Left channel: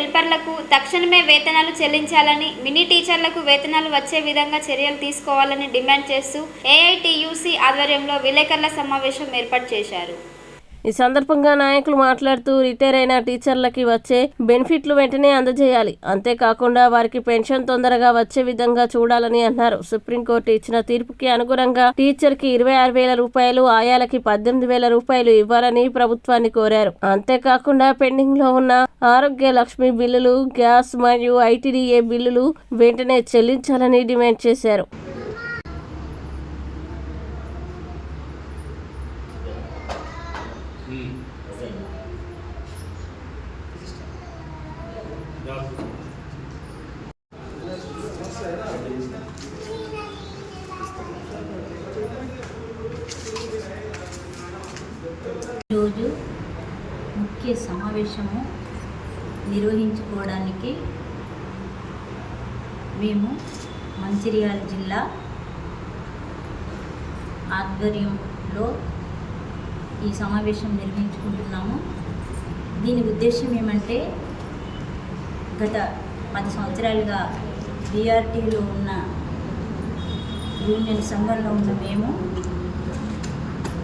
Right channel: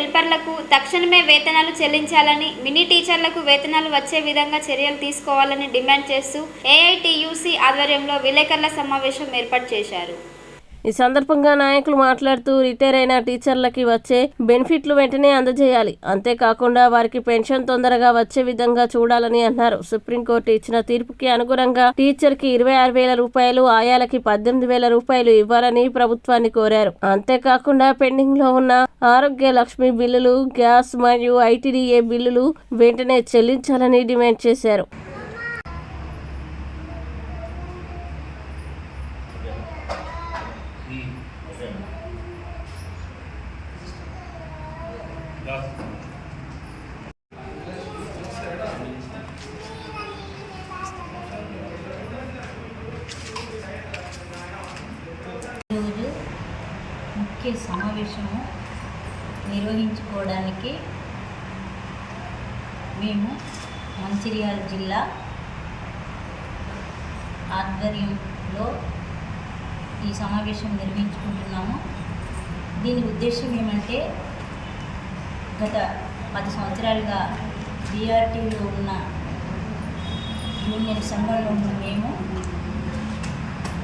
హెల్పర్లకు తక్షణమే వేతనాలు చెల్లించాలని, మినీ టీచర్లకు వేతనాలు వచ్చే విధంగా చర్యలు తీసుకోవాలని డిమాండ్ చేస్తూ ఏఐటీయూసీ ఆధ్వర్యంలో విలేకరుల సమావేశం ఏర్పాటు చేశారు. ఈ సందర్భంగా నాయకులు మాట్లాడుతూ రిటైర్ అయిన టీచర్లకి వచ్చే బెనిఫిట్లు వెంటనే అందజేయాలి, అంతేకాకుండా వారికి పెన్షన్ తొందరగా వచ్చే విధంగా చూడాలని అన్నారు. సుప్రీంకోర్టు ఇచ్చిన తీర్పుకి అనుగుణంగా టీచర్కి 26,000 రూపాయలు, ఆయాలకి 18,000 రూపాయలు ఇవ్వాలని ప్రభుత్వాన్ని కోరారు. అంతేకాకుండా పెండింగ్ లో ఉన్న ఆరోగ్య లక్ష్మి బిల్లులు, గ్యాస్ మరియు ఐటీడీఏ బిల్లులు వెంటనే చెల్లించాలని డిమాండ్ చేశారు. ఈరోజు ముఖ్య సమావేశము నిర్వహించుకోవడానికి మేము మంచిర్యాల జిల్లా ఆధ్వర్యంలో ఈ సమావేశం నిర్వహించుకుంటున్నాము. దీని ఉద్దేశం ఏమంటే, గత 10 సంవత్సరాలుగా బీఆర్టీలో ఉన్న యూనియన్ సంఘంలో ఉన్న మేము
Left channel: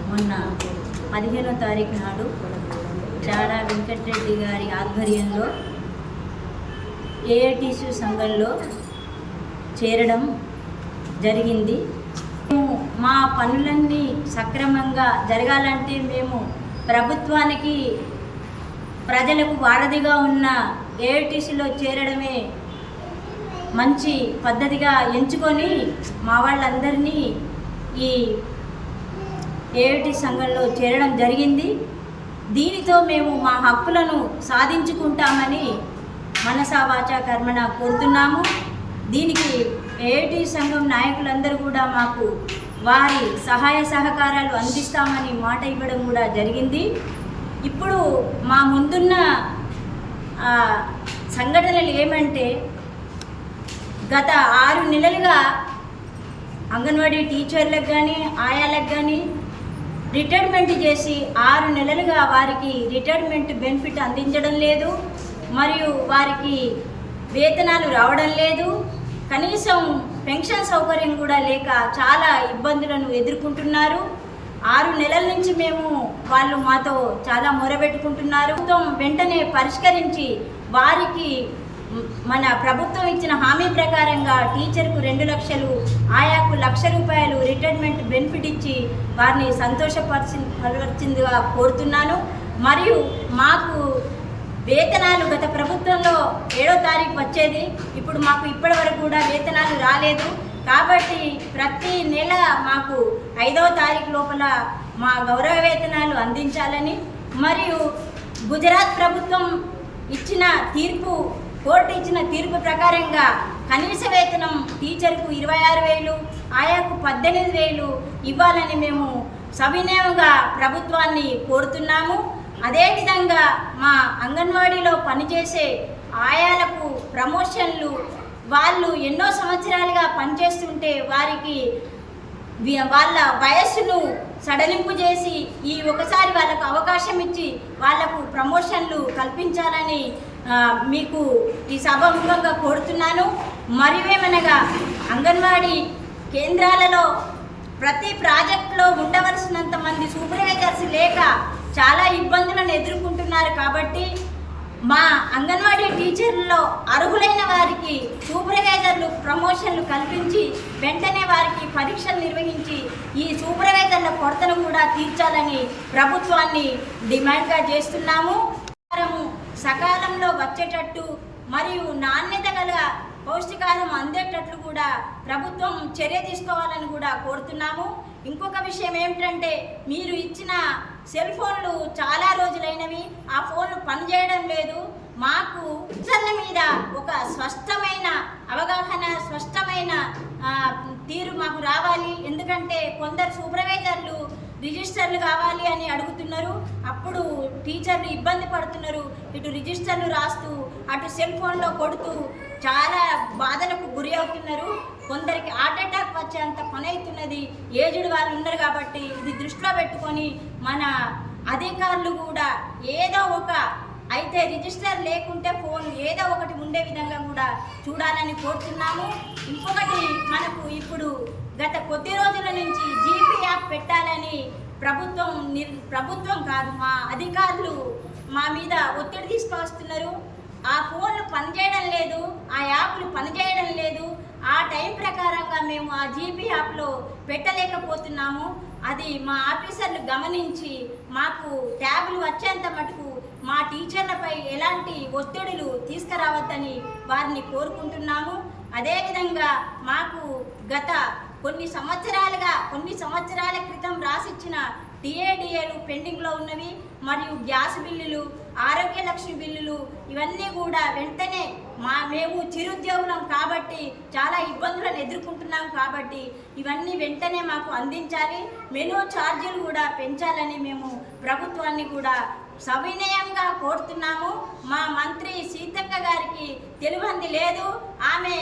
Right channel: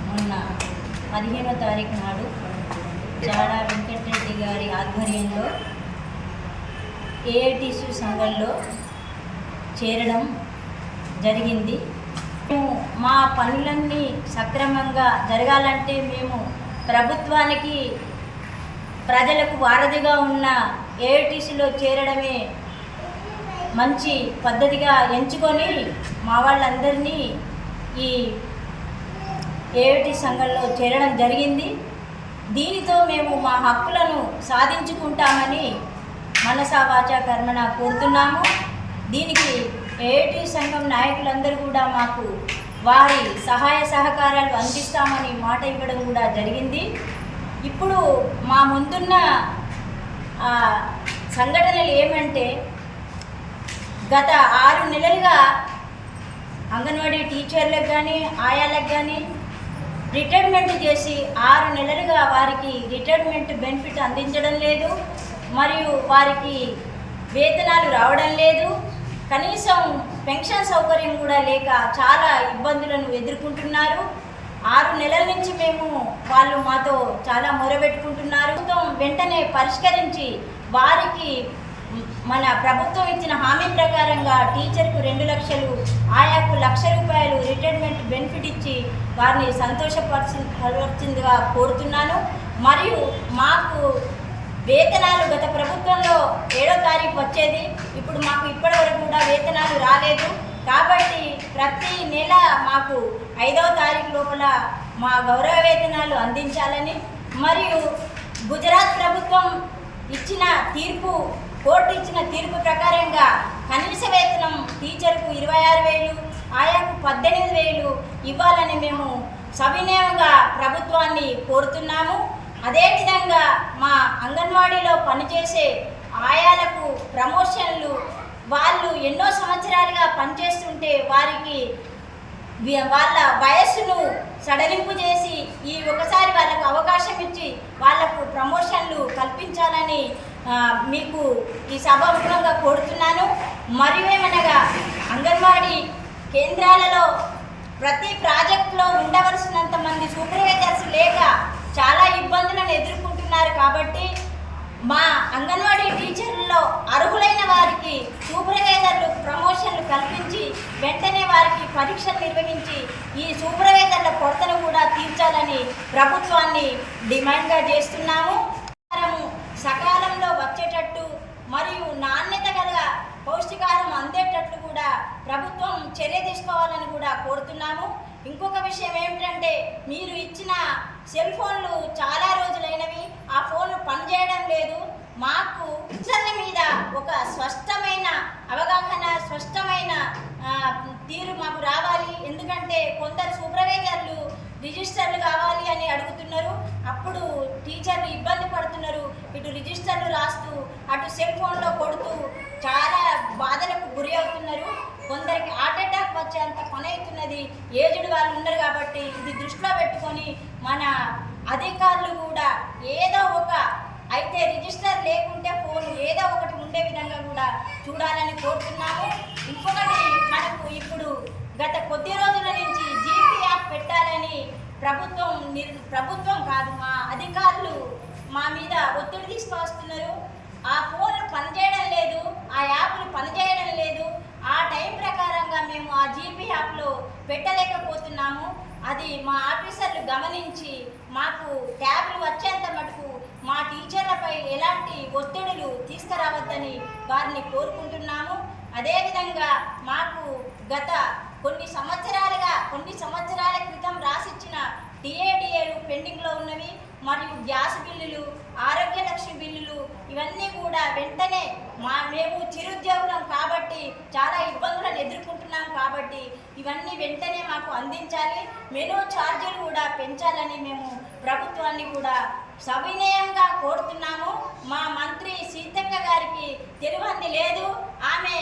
మొన్న 15వ తారీఖు నాడు చాడా వెంకటరెడ్డి గారి ఆధ్వర్యంలో ఏఐటీసీ సంఘంలో చేరడం జరిగింది. మేము మా పనులన్నీ సక్రమంగా జరగాలంటే మేము ప్రభుత్వానికి ప్రజలకు వారధిగా ఉన్న ఏఐటీసీలో చేరడమే మంచి పద్ధతిగా ఎంచుకొని మా వాళ్ళందరినీ ఈ ఏఐటీ సంఘంలో చేరడం జరిగింది. దీనితో మేము మా హక్కులను సాధించుకుంటామని మనసా వాచా కర్మణ కోరుతున్నాము. దీనికి ఏఐటీ సంఘం నాయకులందరూ కూడా మాకు వారి సహాయ సహకారాలు అందిస్తామని మాట ఇవ్వడం కూడా జరిగింది. ఇప్పుడు మా ముందున్న సంఘటనలు ఏమంటే, గత 6 నెలలుగా అంగన్వాడీ టీచర్లకు కానీ ఆయాలకు కానీ రిటైర్మెంట్ చేసి 6 నెలలుగా వారికి రిటైర్మెంట్ బెనిఫిట్ అందించడం లేదు, మరియు వారికి వేతనాలు రావడం లేదు. కనీసం పెన్షన్ సౌకర్యం కూడా లేక చాలా ఇబ్బందులను ఎదుర్కొంటున్నారు. 6 నెలల నుంచి వాళ్ళు మాతో చాలా మొరబెట్టుకుంటున్నారు. వెంటనే పరిష్కరించి వారికి మన ప్రభుత్వం ఇచ్చిన హామీ ప్రకారంగా టీచర్కు 2 లక్షలు, ఆయాకు 1,00,000 రూపాయలు రిటైర్మెంట్ బెనిఫిట్ ఇచ్చి వారిని సంతోషపరచిందిగా కోరుతున్నాను. మరియు మాకు వేతనాలు గత ప్రభుత్వంలో 7వ తారీఖు వచ్చేది, ఇప్పుడు మాకు ఇప్పటి వరకు కూడా వేతనాలు రాలేదు. కాబట్టి ప్రతి నెల మాకు 5వ తారీఖు లోపల మా గౌరవ వేతనాలు అందించాలని, మరియు గుజరాత్ ప్రభుత్వం ఇచ్చిన తీర్పు, కోర్టు ఇచ్చిన తీర్పు ప్రకారంగా కనీస వేతనం టీచర్కు 26,000, ఆయాకు 18,000 ఇవ్వాలని మేము సవినయంగా ప్రభుత్వాన్ని కోరుతున్నాము. అదేవిధంగా మా అంగన్వాడీలో పనిచేసే ఆయాలకు ప్రమోషన్లు, వాళ్ళు ఎన్నో సంవత్సరాలుగా పనిచేస్తుంటే వారికి వాళ్ళ వయస్సును సడలింపు చేసి ఒకసారి వాళ్ళకు అవకాశం ఇచ్చి వాళ్లకు ప్రమోషన్లు కల్పించాలని మీకు ఈ సభాముఖంగా కోరుతున్నాను. మరియు ఏమనగా, అంగన్వాడీ కేంద్రాలలో ప్రతి ప్రాజెక్టులో ఉండవలసినంత మంది సూపర్వైజర్స్ లేక చాలా ఇబ్బందులను ఎదుర్కొంటున్నారు. కాబట్టి మా అంగన్వాడీ టీచర్లలో అర్హులైన వారికి సూపర్వైజర్లు ప్రమోషన్లు కల్పించి వెంటనే వారికి పరీక్షలు నిర్వహించి ఈ సూపర్వైజర్ల కొరతను కూడా తీర్చాలని ప్రభుత్వాన్ని డిమాండ్గా చేస్తున్నాము. సకాలంలో వచ్చేటట్టు మరియు నాణ్యత గల పౌష్టికాహారం అందేటట్లు కూడా ప్రభుత్వం చర్య తీసుకోవాలని కూడా కోరుతున్నాము. ఇంకొక విషయం ఏమిటంటే, మీరు ఇచ్చిన సెల్ ఫోన్లు చాలా రోజులైనవి, ఆ ఫోన్లు పనిచేయడం లేదు. మాకు టీచర్ల మీద ఒక స్పష్టమైన అవగాహన, స్పష్టమైన తీరు మాకు రావాలి. ఎందుకంటే కొందరు సూపర్వైజర్లు రిజిస్టర్లు కావాలి అని అడుగుతున్నారు, అప్పుడు టీచర్లు ఇబ్బంది పడుతున్నారు. ఇటు రిజిస్టర్లు రాస్తూ అటు సెల్ ఫోన్లో కొడుతూ చాలా బాధలకు గురి అవుతున్నారు. కొందరికి హార్ట్ అటాక్ వచ్చేంత పని అవుతున్నది. ఏజ్డ్ వాళ్ళు ఉన్నారు కాబట్టి ఇది దృష్టిలో పెట్టుకొని మన అధికారులు కూడా ఏదో ఒక అయితే రిజిస్టర్ లేకుంటే ఫోన్ ఏదో ఒకటి ఉండే విధంగా కూడా చూడాలని కోరుతున్నాము. ఇంకొకటి మనకు ఇప్పుడు గత కొద్ది రోజుల నుంచి జీపీ యాప్ పెట్టాలని ప్రభుత్వం కాదు మా అధికారులు మా మీద ఒత్తిడి తీసుకువస్తున్నారు. ఆ ఫోన్లు పనిచేయడం లేదు, ఆ యాప్లు పనిచేయడం లేదు. ఆ టైం ప్రకారంగా మేము ఆ జీపీ యాప్లో పెట్టలేకపోతున్నాము. అది మా ఆఫీసర్లు గమనించి మాకు ట్యాబ్లు వచ్చేంత మటుకు మా టీచర్లపై ఎలాంటి ఒత్తిడులు తీసుకురావద్దని వారిని కోరుకుంటున్నాము. అదేవిధంగా మాకు గత కొన్ని సంవత్సరాల క్రితం రాసిచ్చిన టీఏడిఏలు పెండింగ్లో ఉన్నవి, మరియు గ్యాస్ బిల్లులు, ఆరోగ్య లక్ష్మి బిల్లులు ఇవన్నీ కూడా వెంటనే మేము చిరుద్యోగులం కాబట్టి చాలా ఇబ్బందులను ఎదుర్కొంటున్నాం కాబట్టి ఇవన్నీ వెంటనే మాకు అందించాలి. మెనూ ఛార్జీలు కూడా పెంచాలని మేము ప్రభుత్వాన్ని కూడా సవినయంగా కోరుతున్నాము. మా మంత్రి సీతక్క గారికి తెలియంది లేదు. ఆమె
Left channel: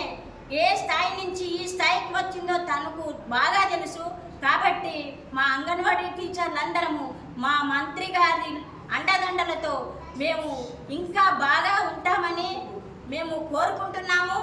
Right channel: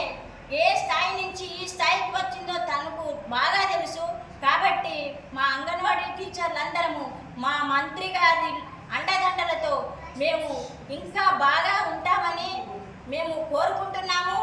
ఏ స్థాయి నుంచి ఈ స్థాయికి వచ్చిందో తనకు బాగా తెలుసు. కాబట్టి మా అంగన్వాడీ టీచర్లందరము మా మంత్రి గారి అండదండలతో మేము ఇంకా బాగా ఉంటామని మేము కోరుకుంటున్నాము.